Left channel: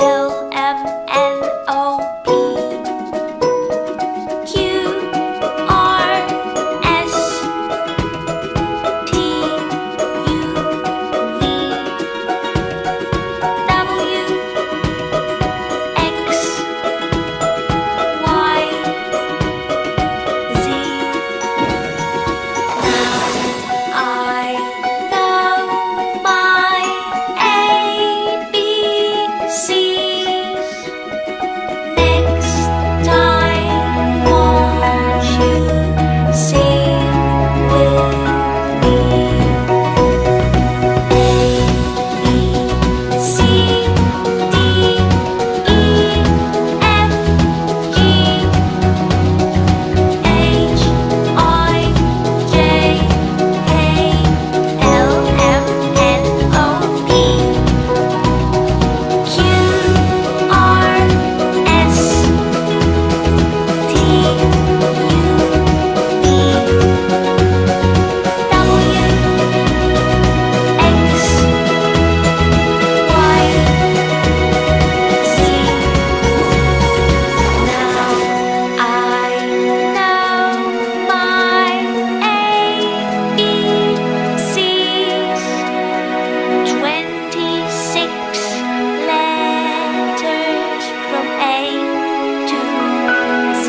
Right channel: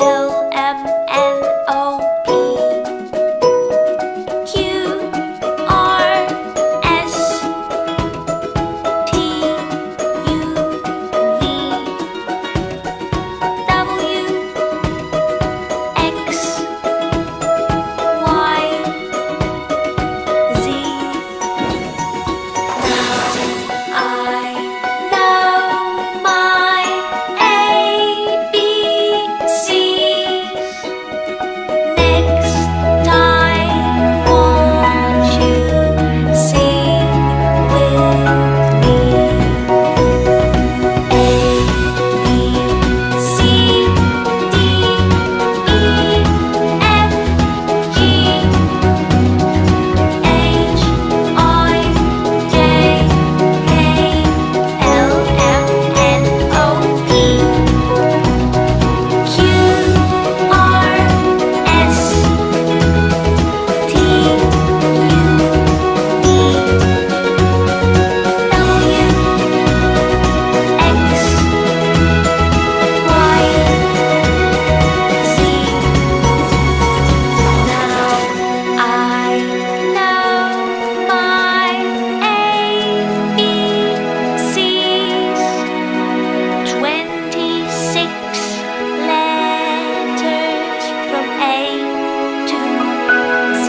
L M N O P Q R S T U V W X Y Z. Now I know my ABCs. Next time, won't you sing with me? A, B, C, D, E, F, G, H, I, J, K, L, M, N, O, P, Q, R, S, T, U, V, W, X, Y, Z. Now I know my ABCs. 26 letters from A to Z.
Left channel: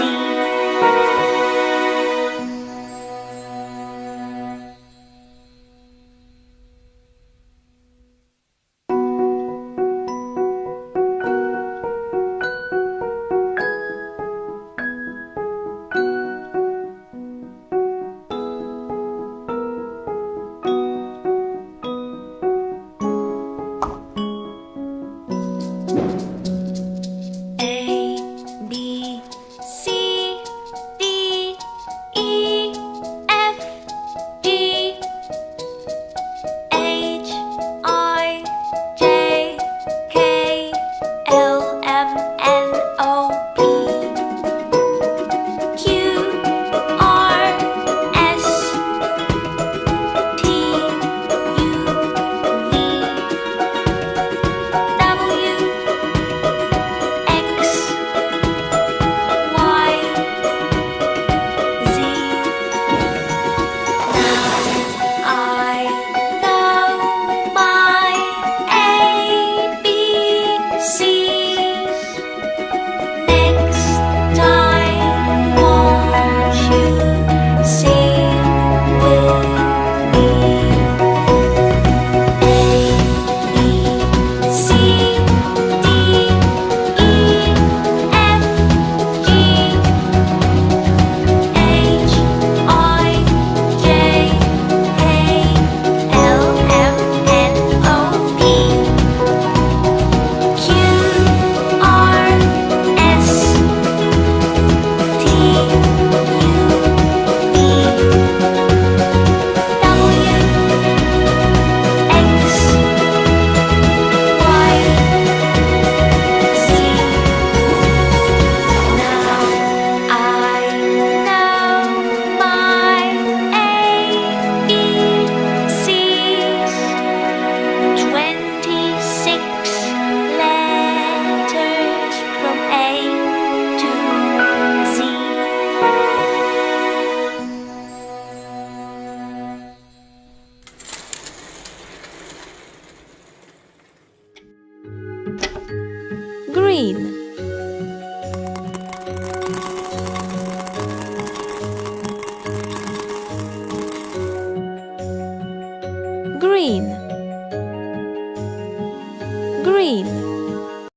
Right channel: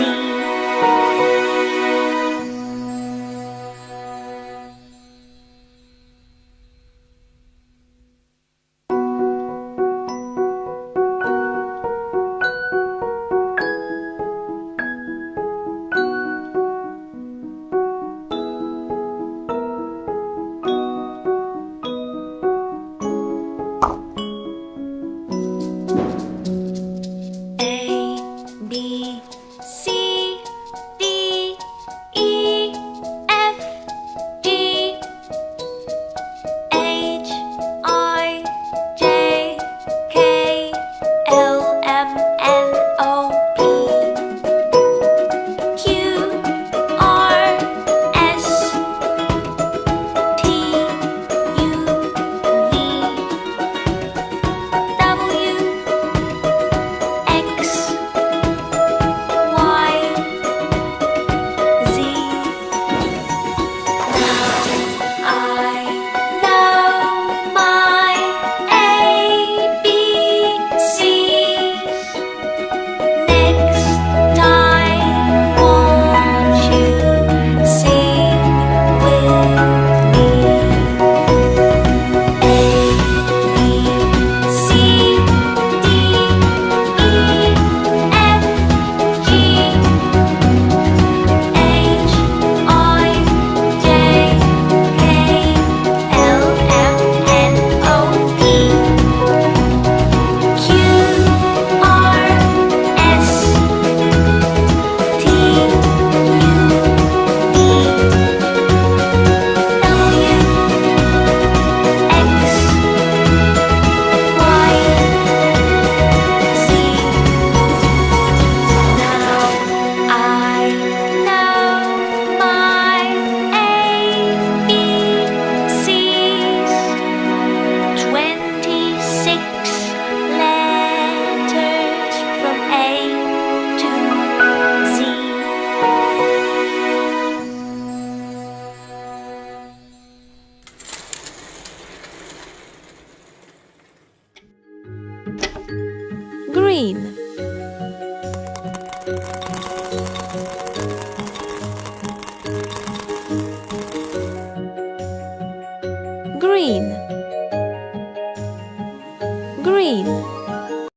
A, B, C, D, E, F, G, H, I, J, K, L, M, N, O, P, Q, R, S, T, U, V, W, X, Y, Z. Now I know my ABCs. Next time, won't you sing with me? A, B, C, D, E, F, G, H, I, J, K, L, M, N, O, P, Q, R, S, T, U, V, W, X, Y, Z. Now I know my ABCs. 26 letters from A to Z. Green.